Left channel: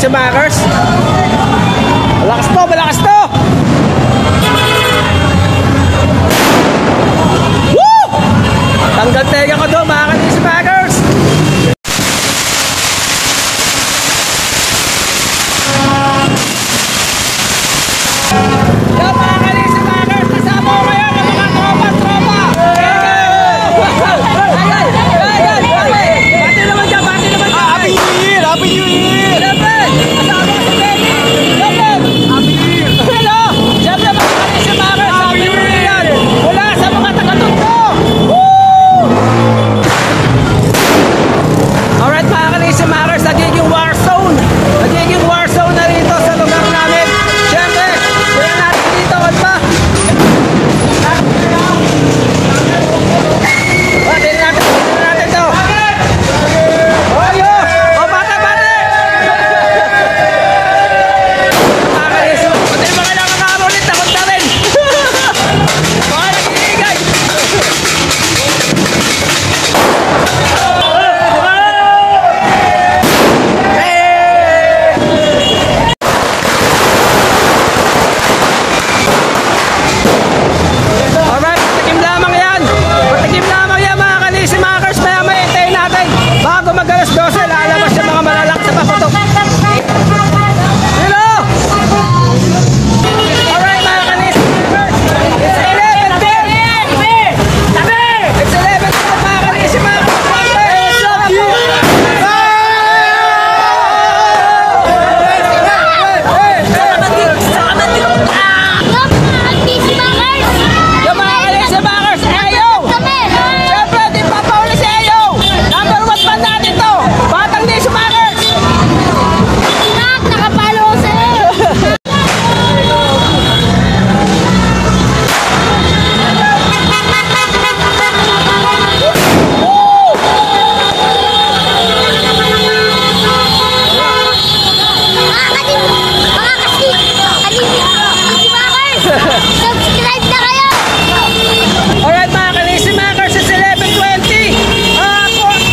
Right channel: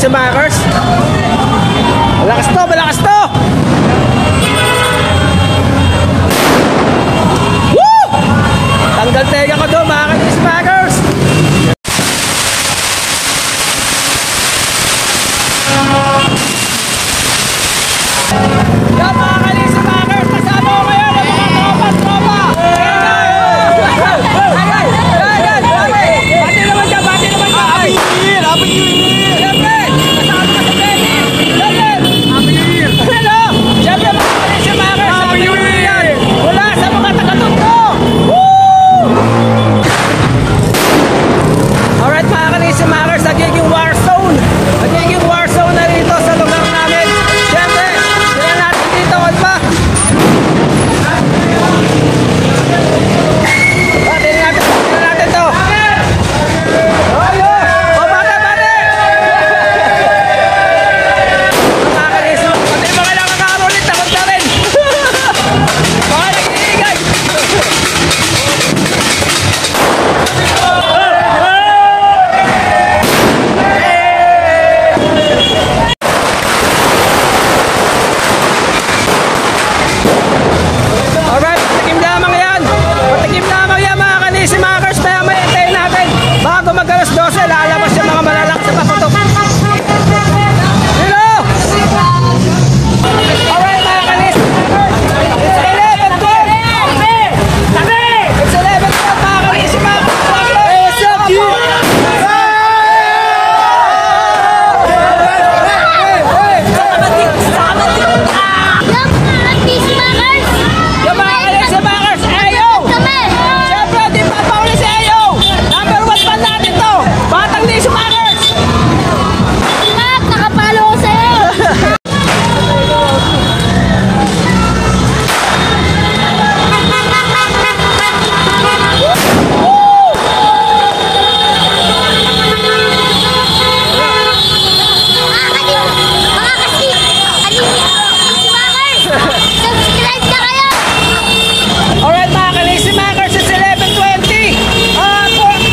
kalisimangers. Malakas to, malakas to. Woo! Tanggal tega ko doon mga kalisimangers. Yan mga kalisimangers, kasama ko ngayon ang mga tropa. Bati naman siya, bati naman siya. Happy New Year, Happy New Year. Siyempre, kasama ka sa Happy New Year. Hello, siyempre mga kalisimangers, Happy New Year yan. Mula sa mga taga-Tondo. Woo! Alright mga kalisimangers, nagiging war zone. Nagiging war zone na rito sa lugar namin. Siyempre, tingnan natin dito, ba? Tingnan natin to. Ayo! O bata! Mga kalisimangers, pati yung mga nakakarolit, takot na rin. Mga nag-iigay. Alright, patikim lamang yan. Patikim lamang yan mga kalisimangers. Maya hintayin natin. Bago mag-alas 12, lalabas yung mga malalakas sa paputok. Hello! Alright mga kalisimangers. It's 11:12. It's 11:12 mga kalisimangers. Subscribe na kayo! Alright mga kalisimangers, it's 11:20.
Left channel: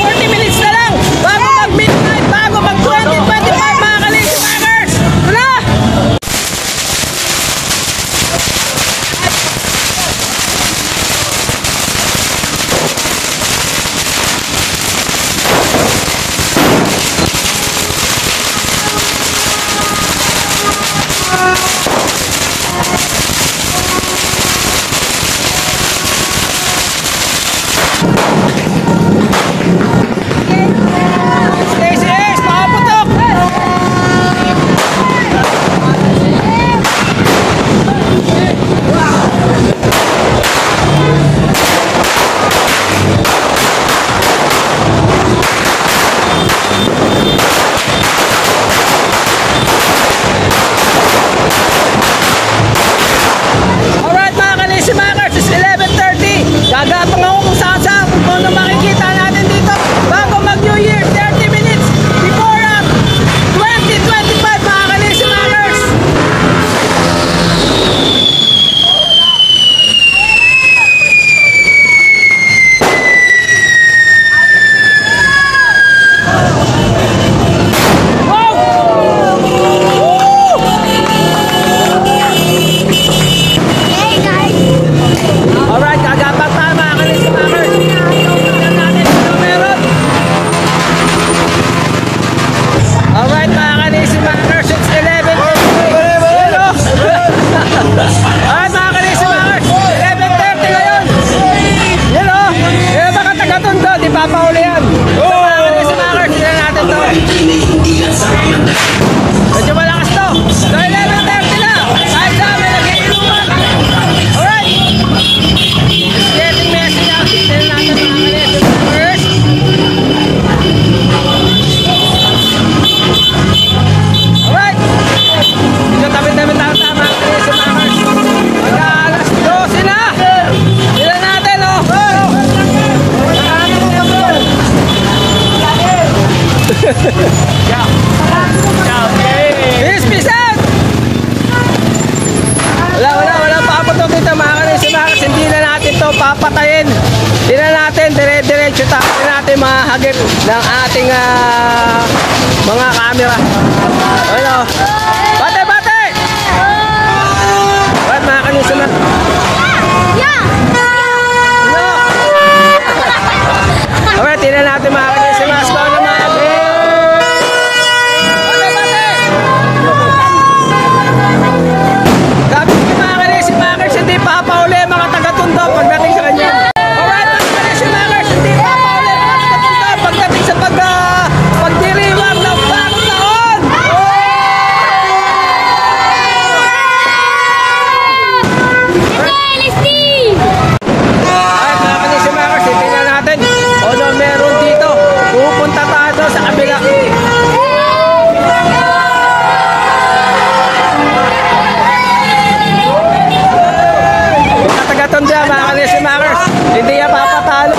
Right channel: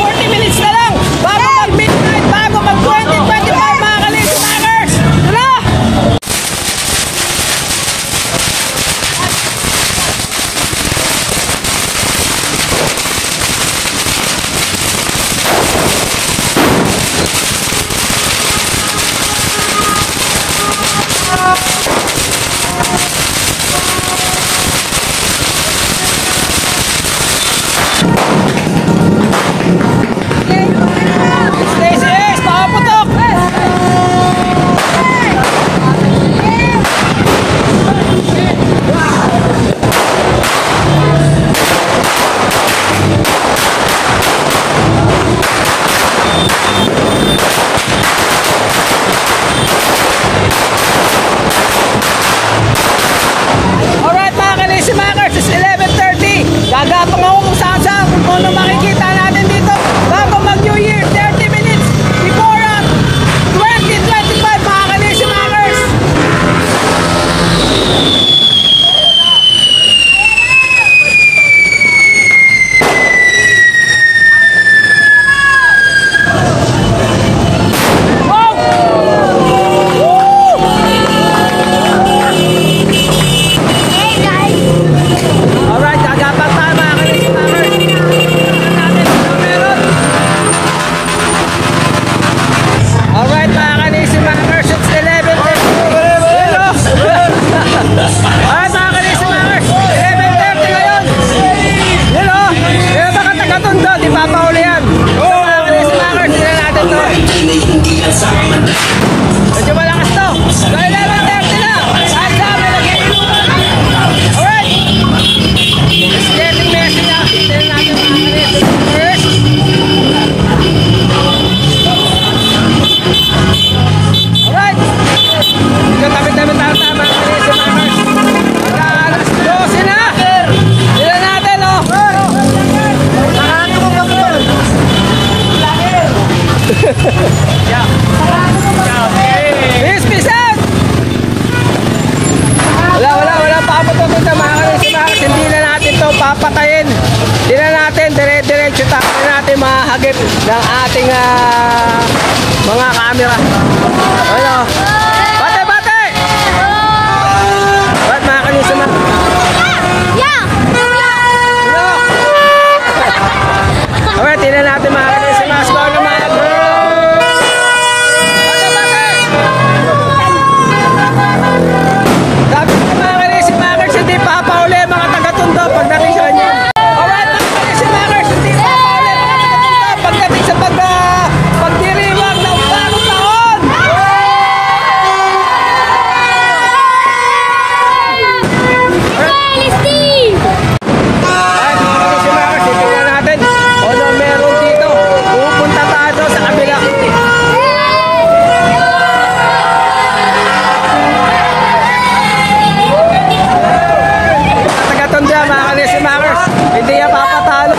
40 minutes na lang bago mag-midnight, bago mag-2025 mga kalisimangers. Tula! Stacy Ace, pakaputok! Alright mga kalisimangers, it's 11:30. Gagapang ako kung saan kung ano makikita natin dito bago mag-New Year. 30 minutes before 2025 mga kalisimangers. Wow! Woo! Hey guys! Alright, gagapang tayo mga kalisimangers. Tingnan natin ano meron. Alright mga kalisimangers, it's 11:30. Hello! Alright mga kalisimangers, 11:30 ngayon. Hello! Eh baka taga-Tondo, di papahuli yan. So mga kalisimangers, tingnan natin to. Medyo malakas to. So 11:30 na. Kahit sa amin, nag-iinuman. Alright! It's getting messy now. Tingnan natin mga kalisimangers. Alright! Ikaw tabi-tabi tayo mga kalisimangers. Mag-alas 12 na. Tingnan natin oh. Peace out! Wala papatok dito mga kalisimangers. Hindi na natin to papatayin. Hindi na natin dire-diretso tayo natin mahagip ng ating mga camera. Ano? Bate, bate! Ba't mga kanisima? Ano? Alright, tingnan natin mga kanisima. Score na mga bro! Bate, bate! Gabi mga kanisima, hindi papauli mga taga-Tondo pagdating sa kanya. Alright, mga kanisima, hindi papauli mga taga-Tondo pagdating sa pagdiriwang ng bagong taon! Alright, mga kanisima, tingnan natin. Ano meron dito? Pupunta tayo sa kabila. Taga-Tondo mga kanisima, hindi niya papatalo.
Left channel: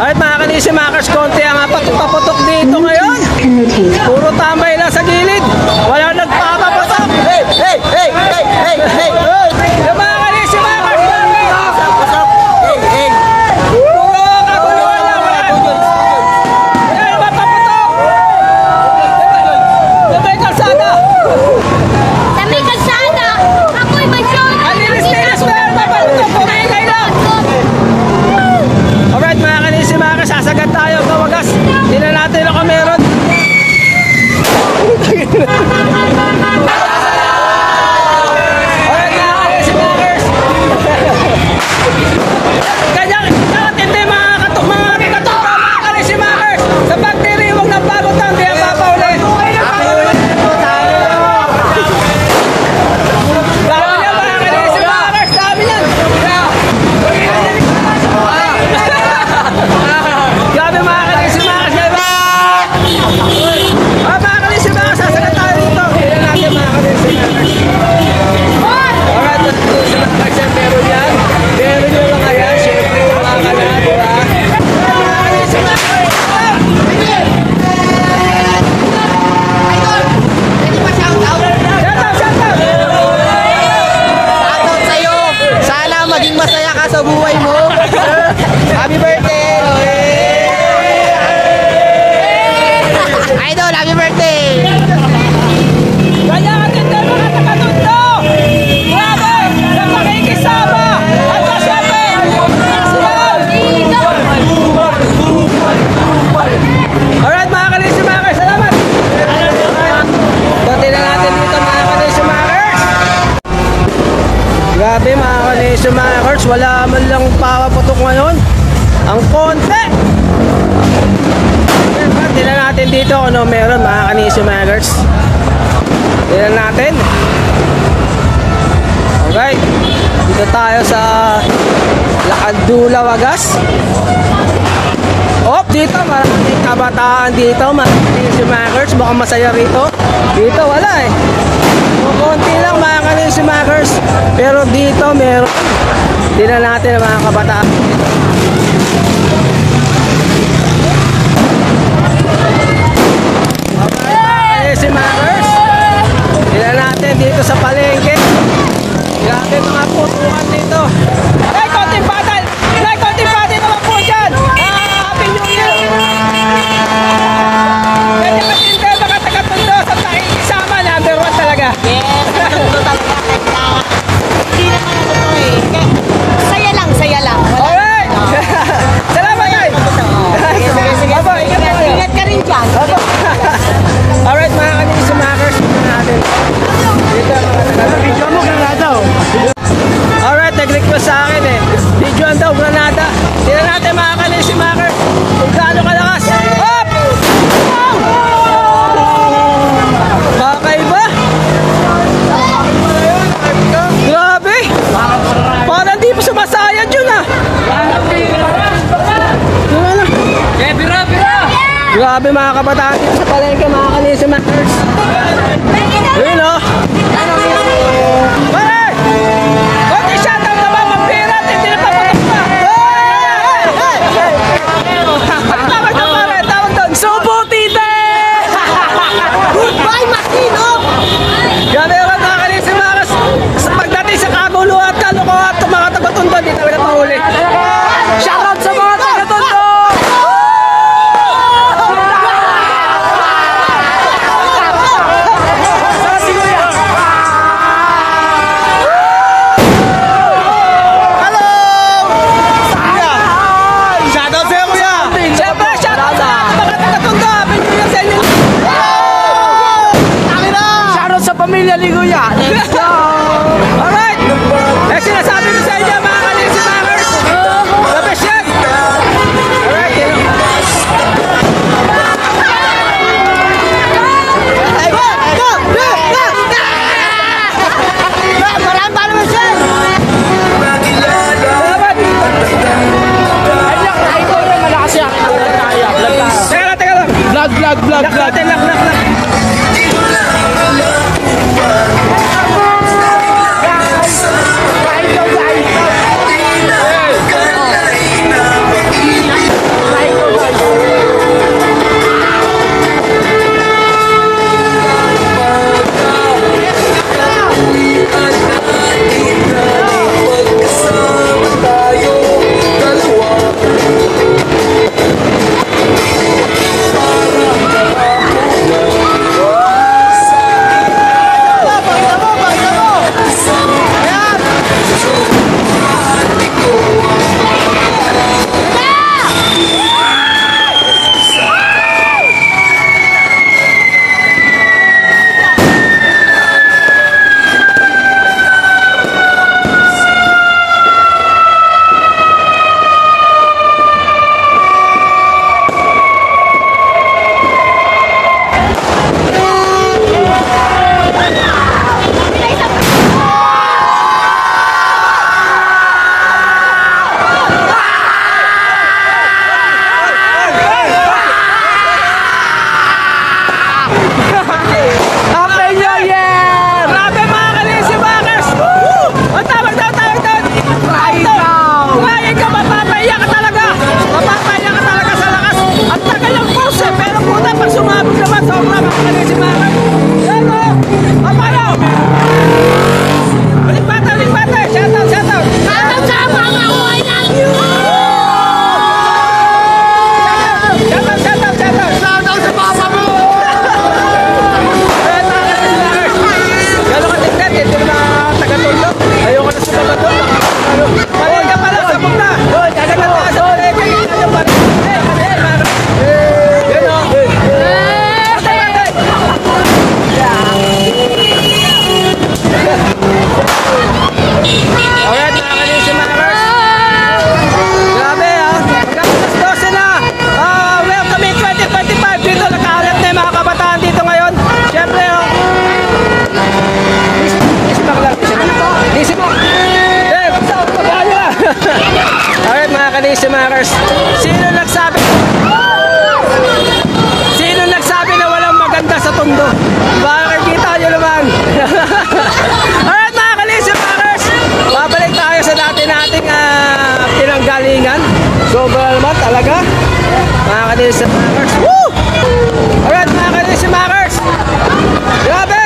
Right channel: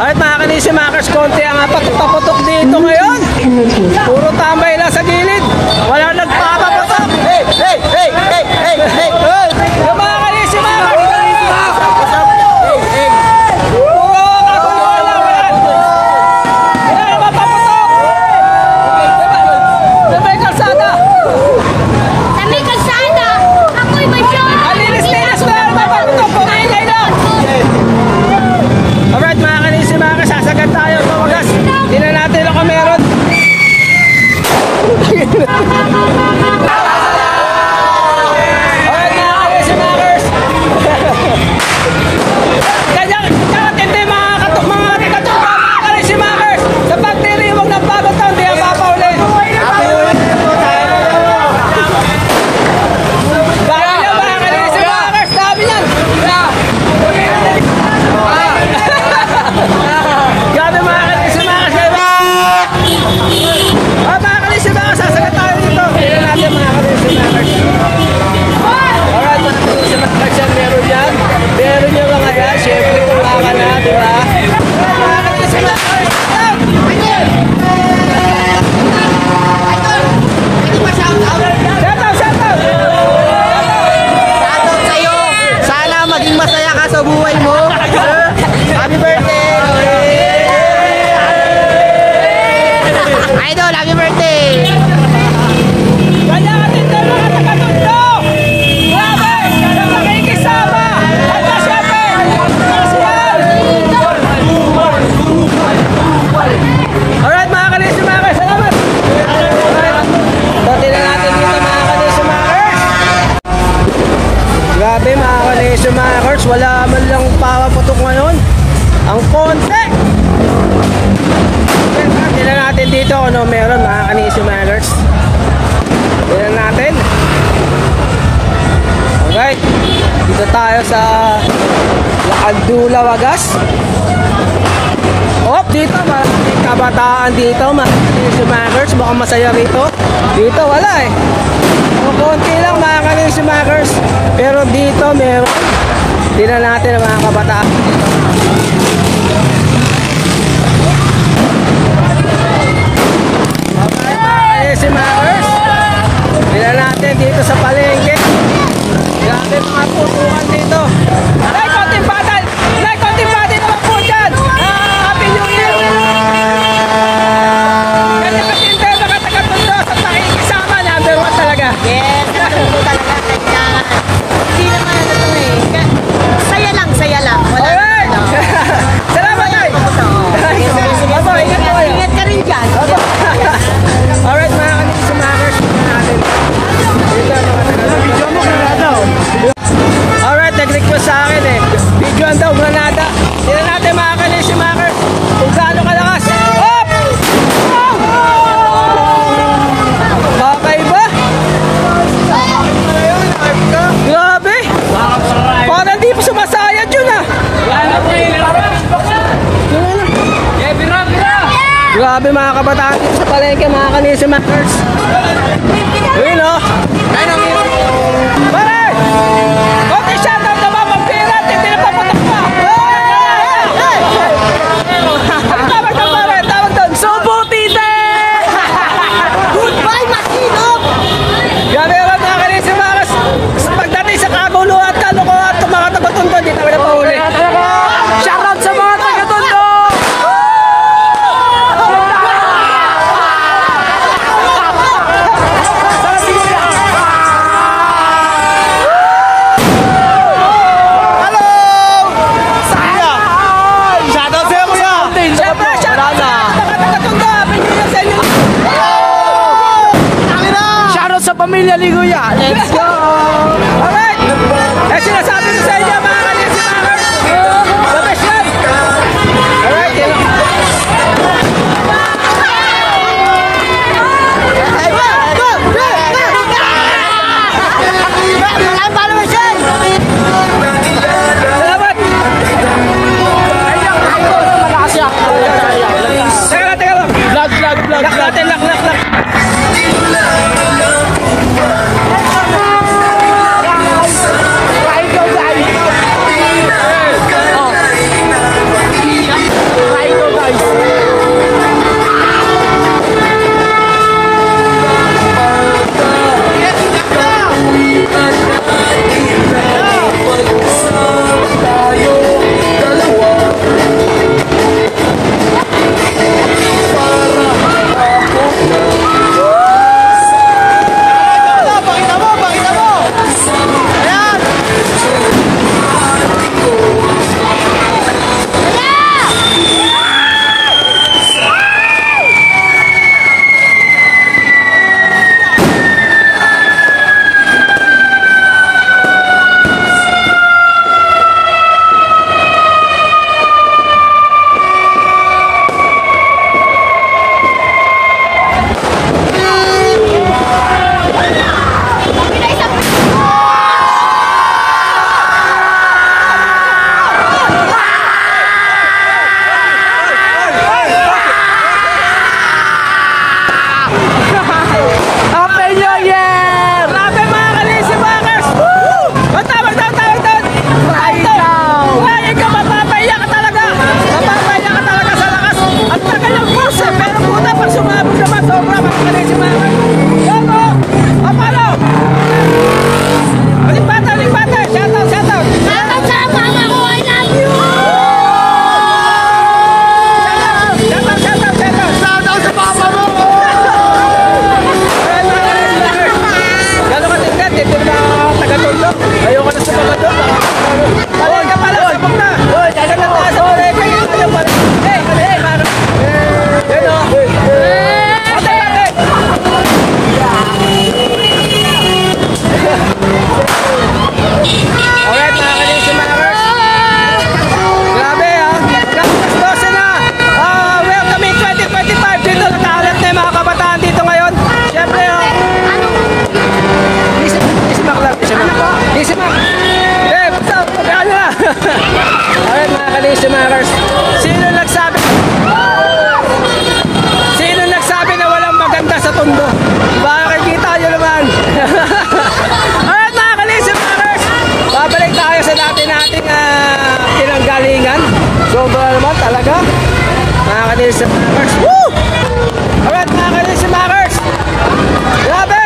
Alright mga kanisimakers, konti ang paputok dito ngayon. Puro tambay lang sa gilid. Wala nagpapaputok. Yung mga kanisimakers, puro kaguluhan lang. Wala naman paputok. May kalsada. Alinis-linis, wala naman paputok. Puro ingay lang. Alright mga kanisimakers, sasagad tayo sa wagas. Tingnan natin ako meron. Alright mga kanisimakers. Kanyang hindi mga kanisimakers. Sa pagdiriwang ng bagong taon, di ang papaulit. Grabe mga kanisimakers, diba? Mga kanisimakers, sasagat tayo dito. Tingnan natin mga kanisimakers. Alright mga kanisimakers, yan meron yan. Meron nyo lang agad, syempre wala ka na, diba? Mga kanisimakers. Shoutout sa'yo. Sana maging masaya ka sa buhay mo. Happy birthday! Idol, happy birthday! Kanya ka din tayo mga taga-Tondo! Grabe! Sa makikisama! At syempre, nasyal! Alright mga kanisimakers, salamat! Dati na natin dito mga kanisimakers. Grabe mga kanisimakers, wala man lang papaputok ngayon. Ang konti! Tingnan natin dito kung ano meron mga kanisimakers. Tingnan natin. Alright. Dito tayo sa Laandula, Wagas. Oh, dito maraming kabataan dito mga kanisimakers. Baka masaya rito. Dito wala eh. O, konti lang mga kanisimakers. Pero dito meron. Tingnan natin ang mga kabataan dito. Alright mga kanisimakers, tingnan natin dito sa palengke. Grabe mga putukan dito. Ay, konting batay! Ay, konting batay naman po dyan! Happy New Year! Hindi mga taga-Tondo sa pakikisama, number 1 talaga. Yes, natutulo talaga. Kaya, hindi naman ano to eh. Saya lang, saya lang. Wala Alright! Salamat yan! Sige. Ingat ka rin dyan. Alright mga kanisimakers, tingnan natin. Dito mga taga-Tondo. Alright, nag-request sa akin eh. Videoan daw, Granada. Tingnan natin mga kanisimakers kung gaano kalakas. Hop! Wow! Kakaiba? Grabe! Parang di pa sumasayad yun ah. Grabe mga kabataan dito sa palengke mga kanisimakers. Yun o. Pare! Konti shoutout naman magpirat. Hindi na papatok ka. Tawag na pare. Tawag doon. Subutite! Goodbye, Makinop! Grabe naman mga kanisimakers. Pagdating sa kaguluhan at kalukuhan at mga taga-Tondo, di tayo na pahuli. Shoutout sa mga taga-Tondo! kuya. Let's go! Alright! Eh, sinasabi ko sa inyo, mga kalisi, labas yan! Alright, yun lang. Ay, go! Go! Go! Maraming followers yan! Salamat! Malakas yan. Vlog tayo. Teka lang. Vlog. Lock natin, lock. Alright, mga kalisimakers, sino nagsabi na walang maganda sa Tondo? Baka kita nyo naman. Alright, mga kalisimakers, babalik tayo sa dati nating pinanggalingan. Sobra naman talaga, mga kalisimakers. Woo! Alright, mga kalisimakers, grabe.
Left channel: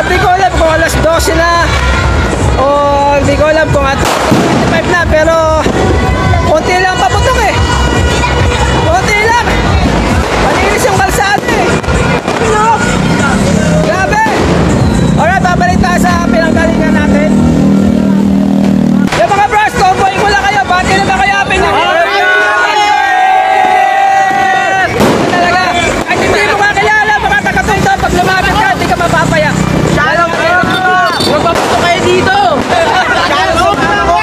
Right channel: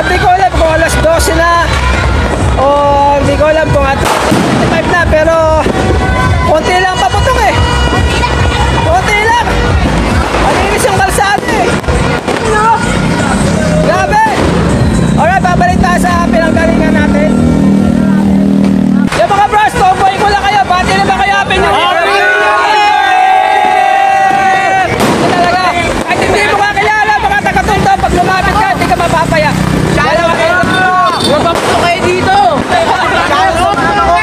Di ko alam kung alas 12 na o hindi ko alam kung 25 na, pero konti lang paputok eh. Konti lang. Malinis yung kalsada eh. No? Grabe. Alright, babalik tayo sa pinanggalingan natin. Yung mga bros, tomboy ko lang kayo. Bati na ba kayo? Happy New Year! Talaga. Kahit hindi mo kakilala, mga taga-Tondo, pag lumapit ka, hindi ka mapapaya. Shoutout kayo. Huwag paputok kayo dito. Shoutout na ako.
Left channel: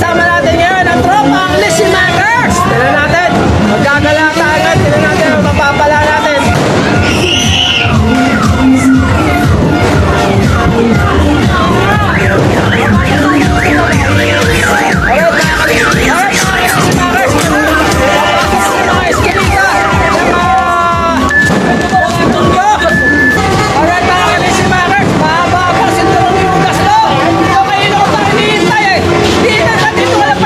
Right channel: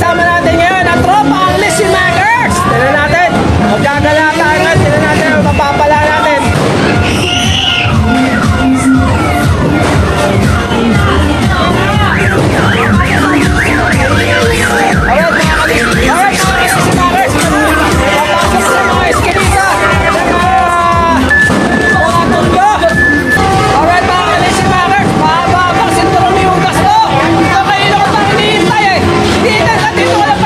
kasama natin ngayon ang tropa, ang Lizzy Makers. Tignan natin. Magkagala tayo ngayon. Tignan natin ang mapapala natin. Alright, mga Lizzy Makers. Papasok sa mga eskinita ng mundo. Alright, mga Lizzy Makers. Mahaba pa sinturong yung ugas to. Ito kayo ko pang iniintay eh. Dito ka lang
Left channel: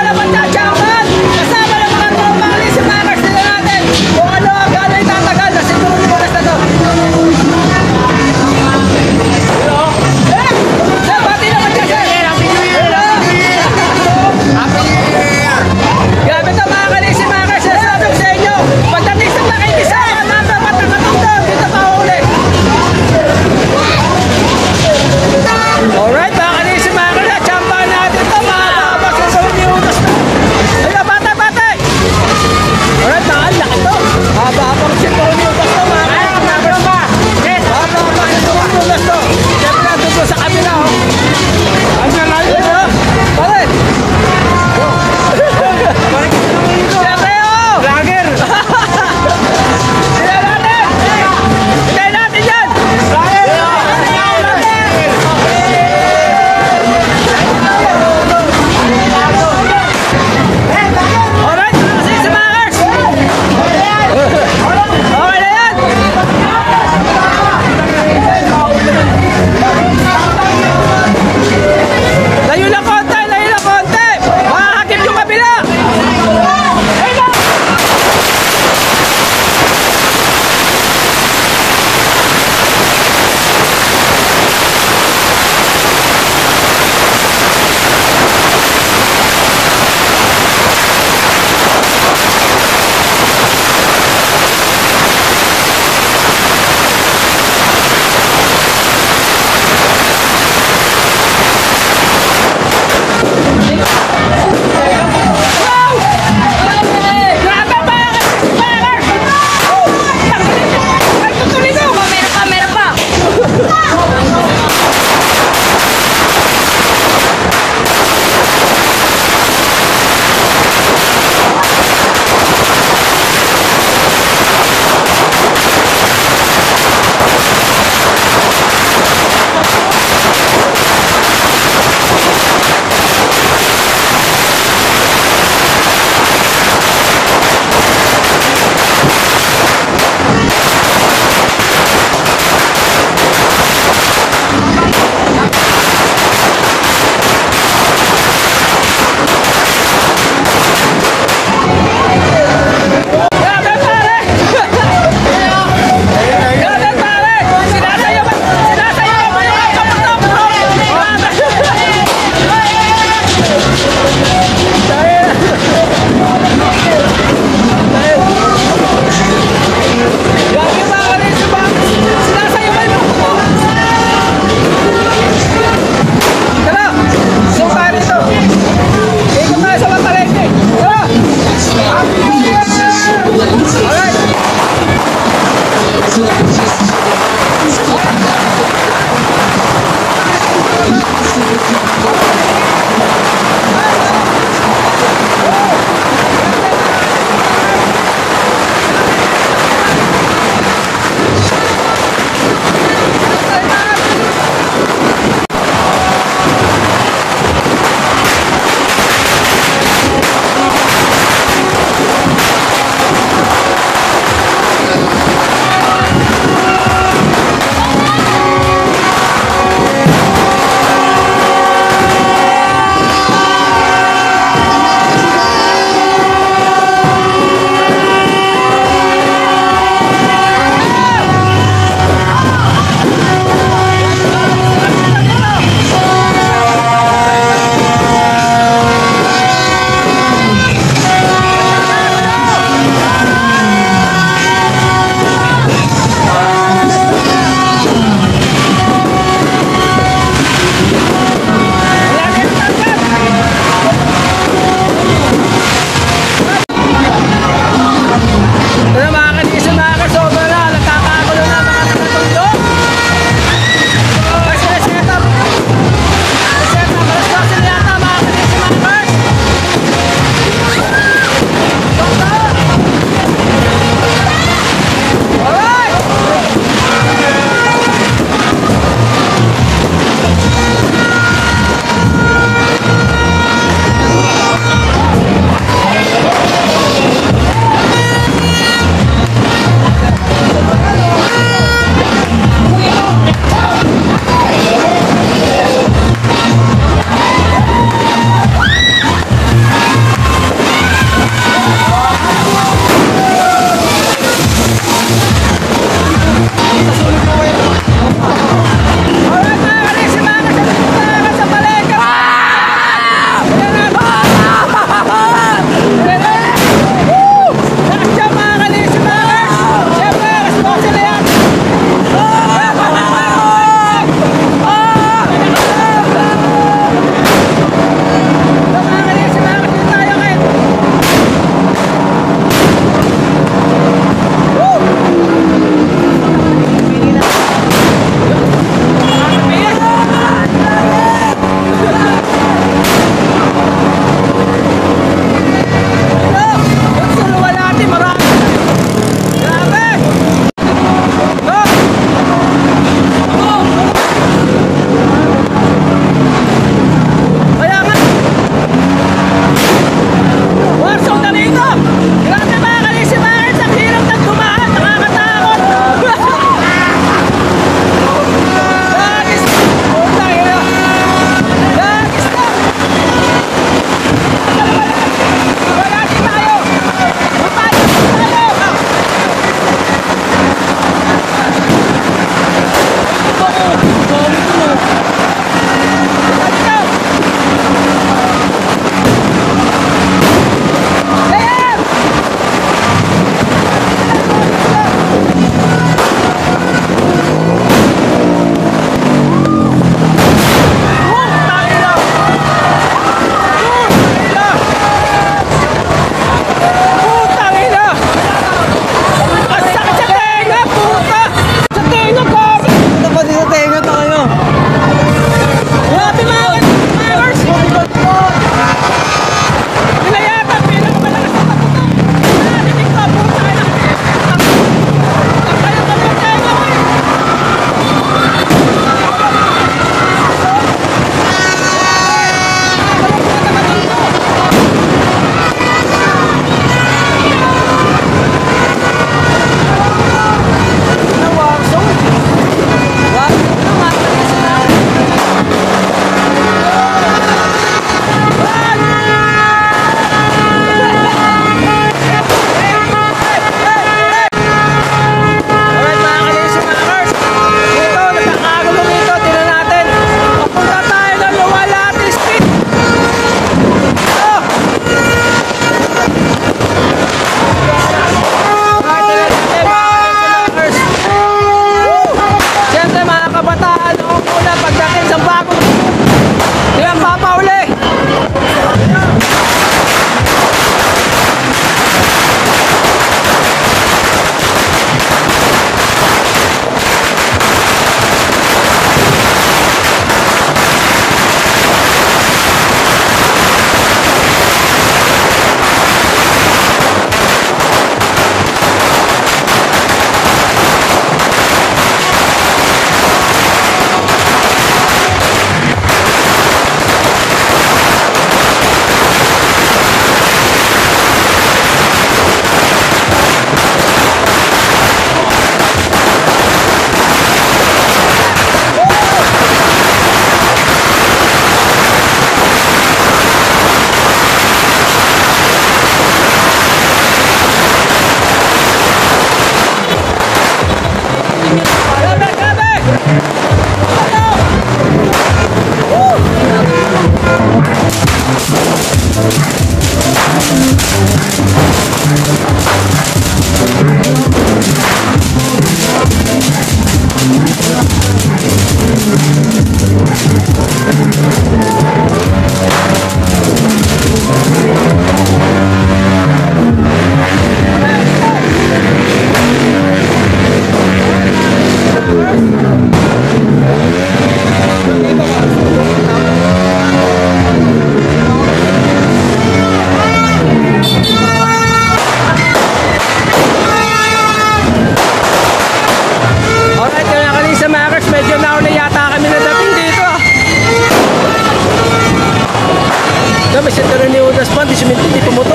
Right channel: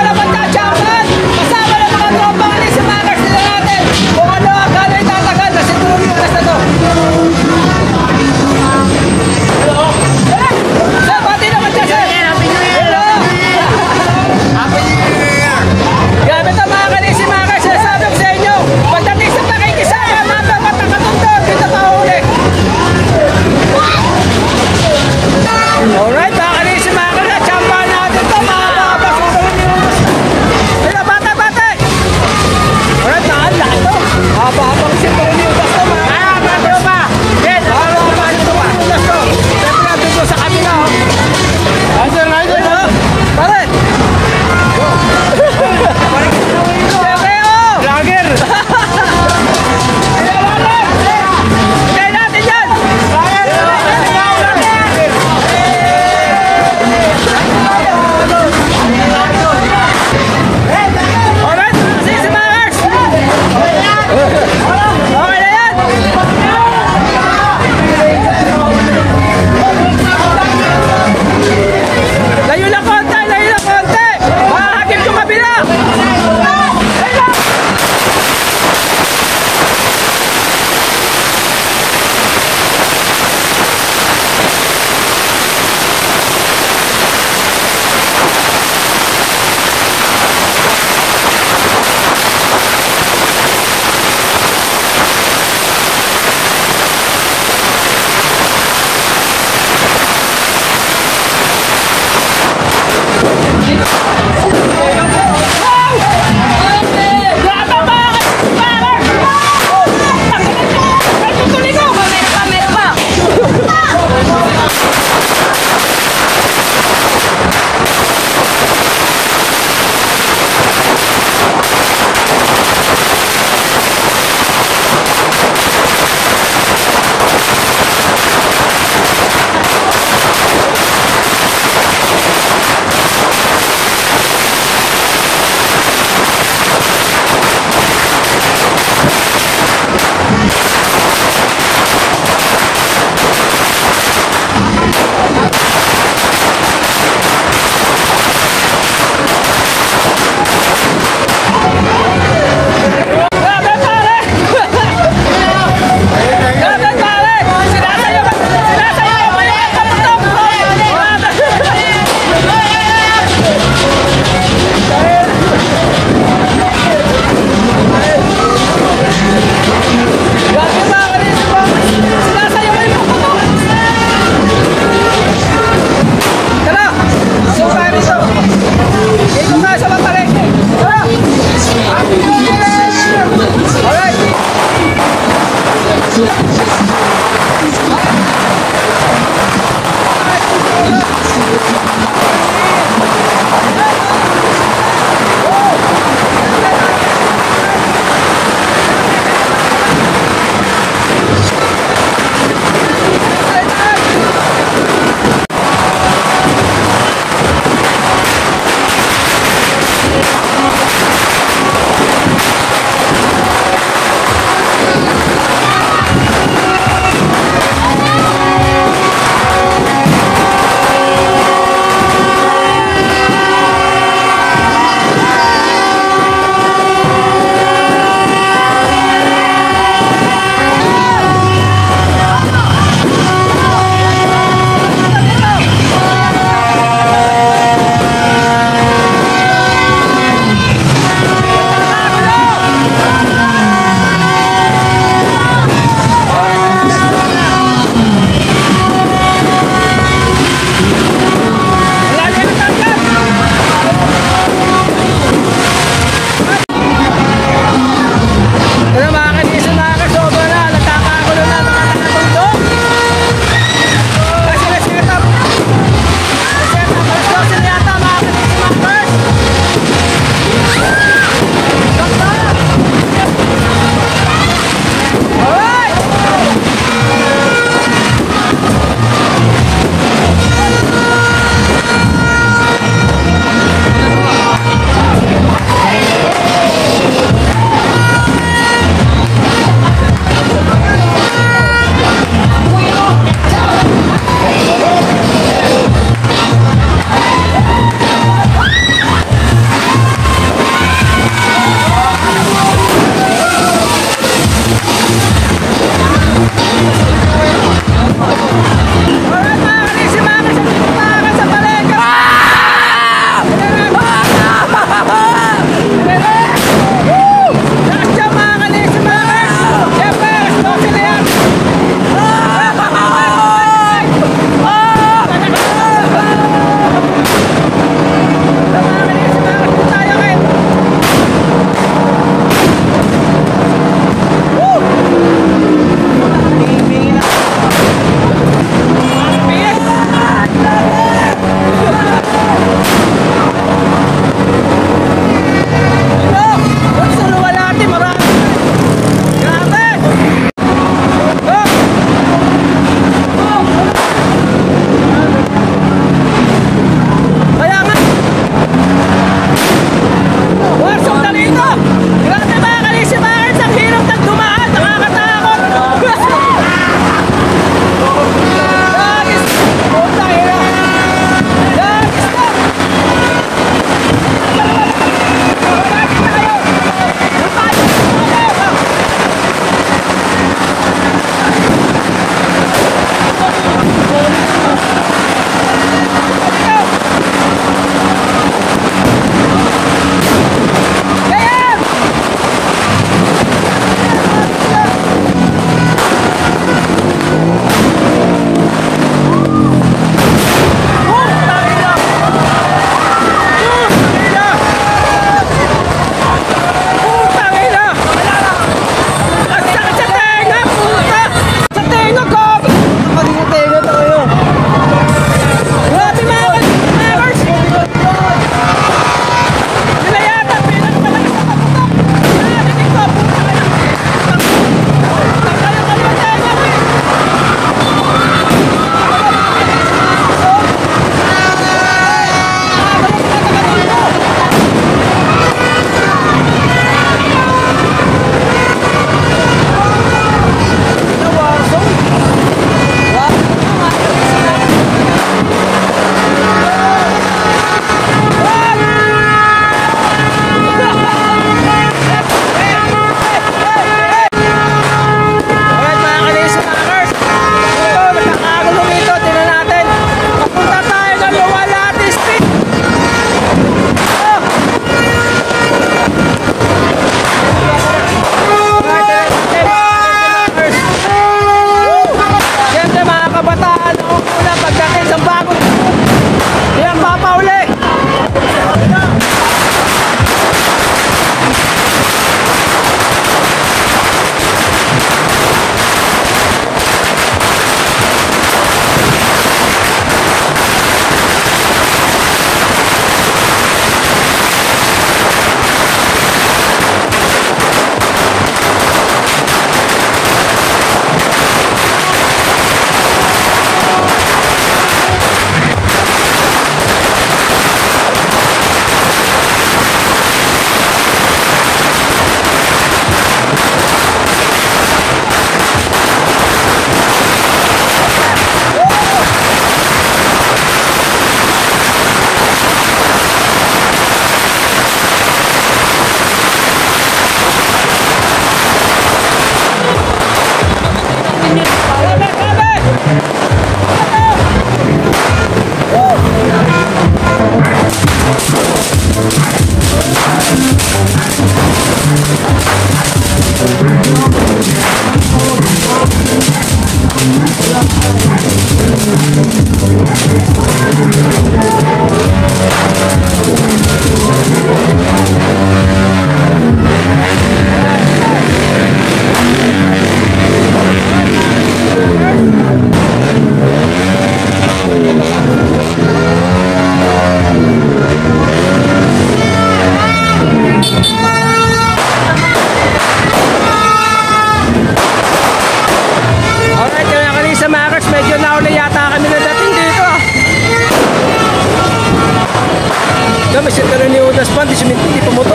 tiro ni Udas pa, di siminto, di pumutok.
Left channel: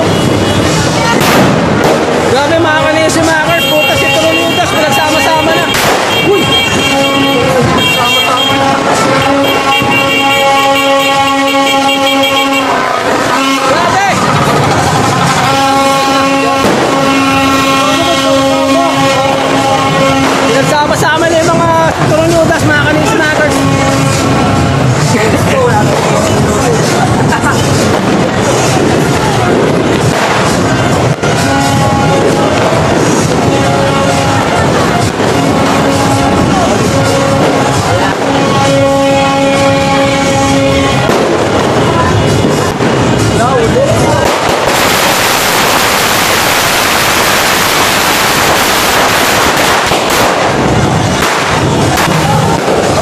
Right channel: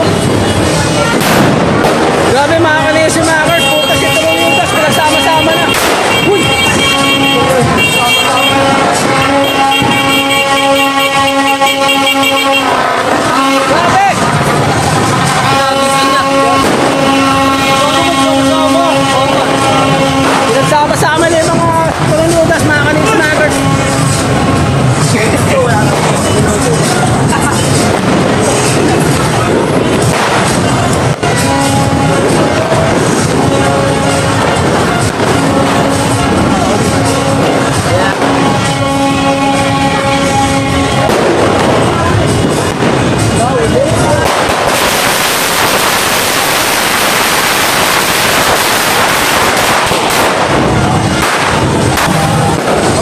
Grabe mga kanisa si Makers, puta si tiro ni Udas, pinagsama-sama na. Uy! Sama-sama na. Grabe! Pinagsama-sama na yung mga tiro ni Udas, mga kanisa si Makers.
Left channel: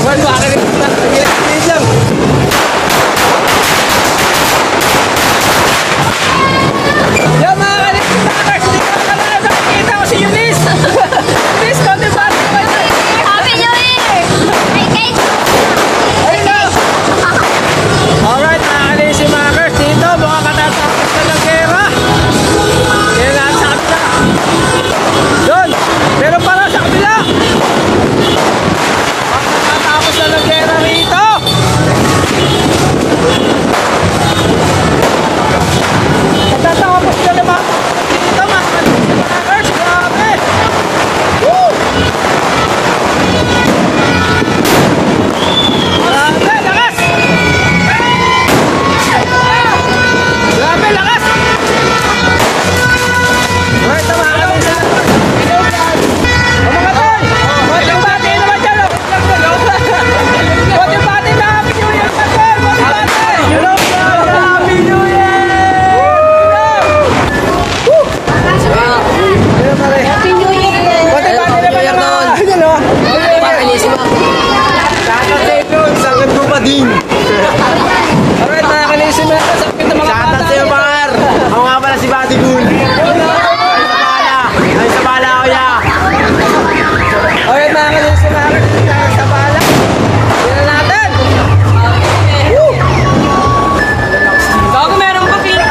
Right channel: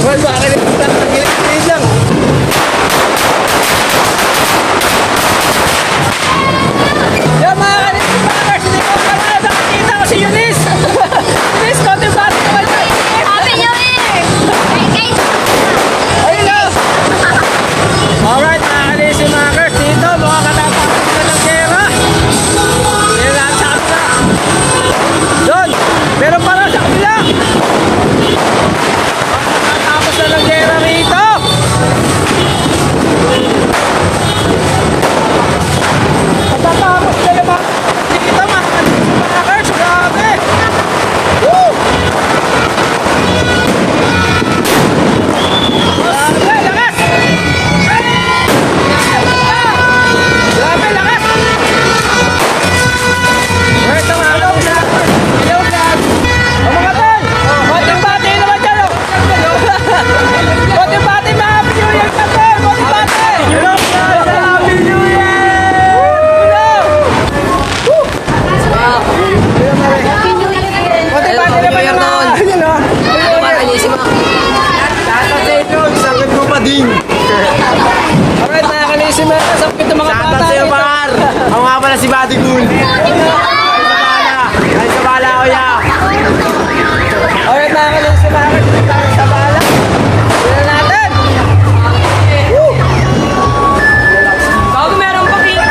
Well, bakit lang. Yo, mga kanipis, hindi ko pala nakikita ko si Eunice. Eunice, konti ba? Happy New Year! Hey guys! Alright, mga kanipis, makers, dito, mga katatapos na ng gera. Kaya lahat sa kabila. Doon, meron pala sa kabila. Tapos na ng gera rito. Patatapos na naman dito mga kanipis. Grabe. Woo! Grabe, lakas. Grabe, lakas. Right na mga kanipis. Bati naman dyan. Bati mga hello guys! Happy New Year! Happy New Year! Happy New Year doon. Ano ba kanisip mo? Shoutout sa inyo, sakit ko pa din. Alright mga kanisip mo, sakit na mga shoutout sa iyo Bakar. Ako nga pala si Buddy Goon. Ay sa bala kuya. Alright mga kanisip mo, sa bala. Tignan natin. Woo! Gago, meron pa pito.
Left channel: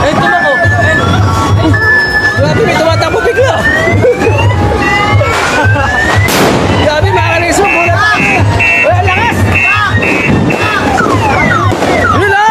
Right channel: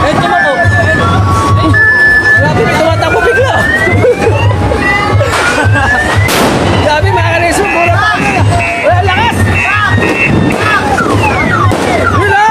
Eh, tumako. Grabe, may tumatakbo bigla. Grabe, mga kanisip mo, mura pa. Wala lakas. Hello!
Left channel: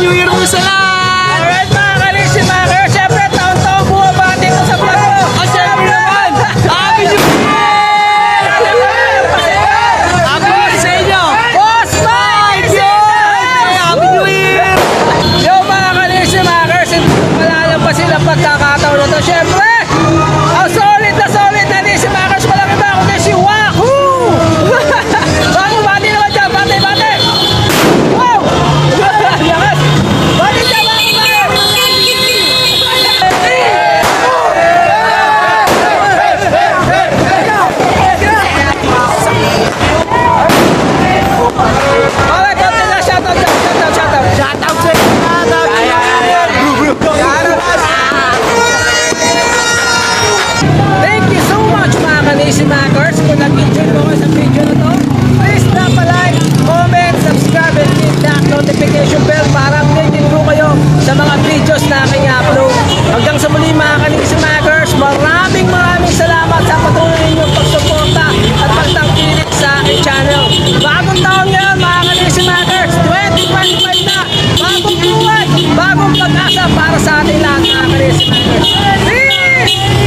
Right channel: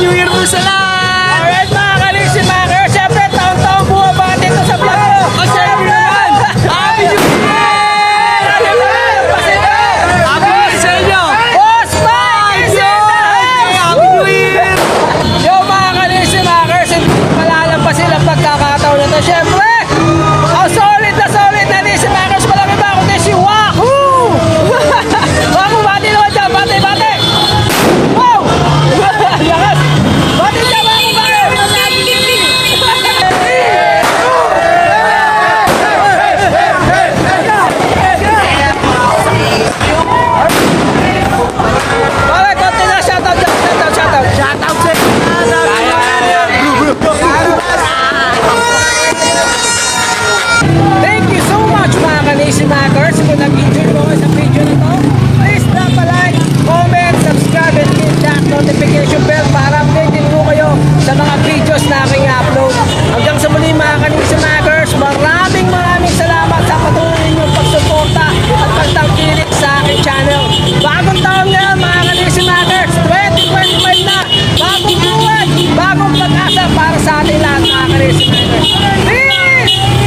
New Year po sa lahat! Alright mga Kalixi Maker, syempre taon-taon bumabati ko sa vlog ko. Syempre, Happy New Year! Happy New Year sa inyo! Boss Mike! Happy New Year! Yo mga Kalixi Maker, malalang pa sila pagkakataon na to. Syempre, ang solid na Kalixi Makers, malaki ba ako na si Wahoo! Bago bati naman dyan, bati! Wow! Yakas! Bati dyan, shoutout sa thank you so much mga Kalixi Makers. Kung nag-enjoy mo kayo sa video na to, please drop a like, comment, subscribe, and hit that notification bell para updated po kayo sa mga videos na aking upload. Hanggang sa muli mga Kalixi Makers, maraming salamat sa patuloy ninyong pagsuporta at pagtangkilik sa aking channel. Bagong taon ngayon mga Kalixi Makers, 2025 na, bagong buhay, bagong pag-asa para sa ating lahat mga Kalixi Makers. Peace!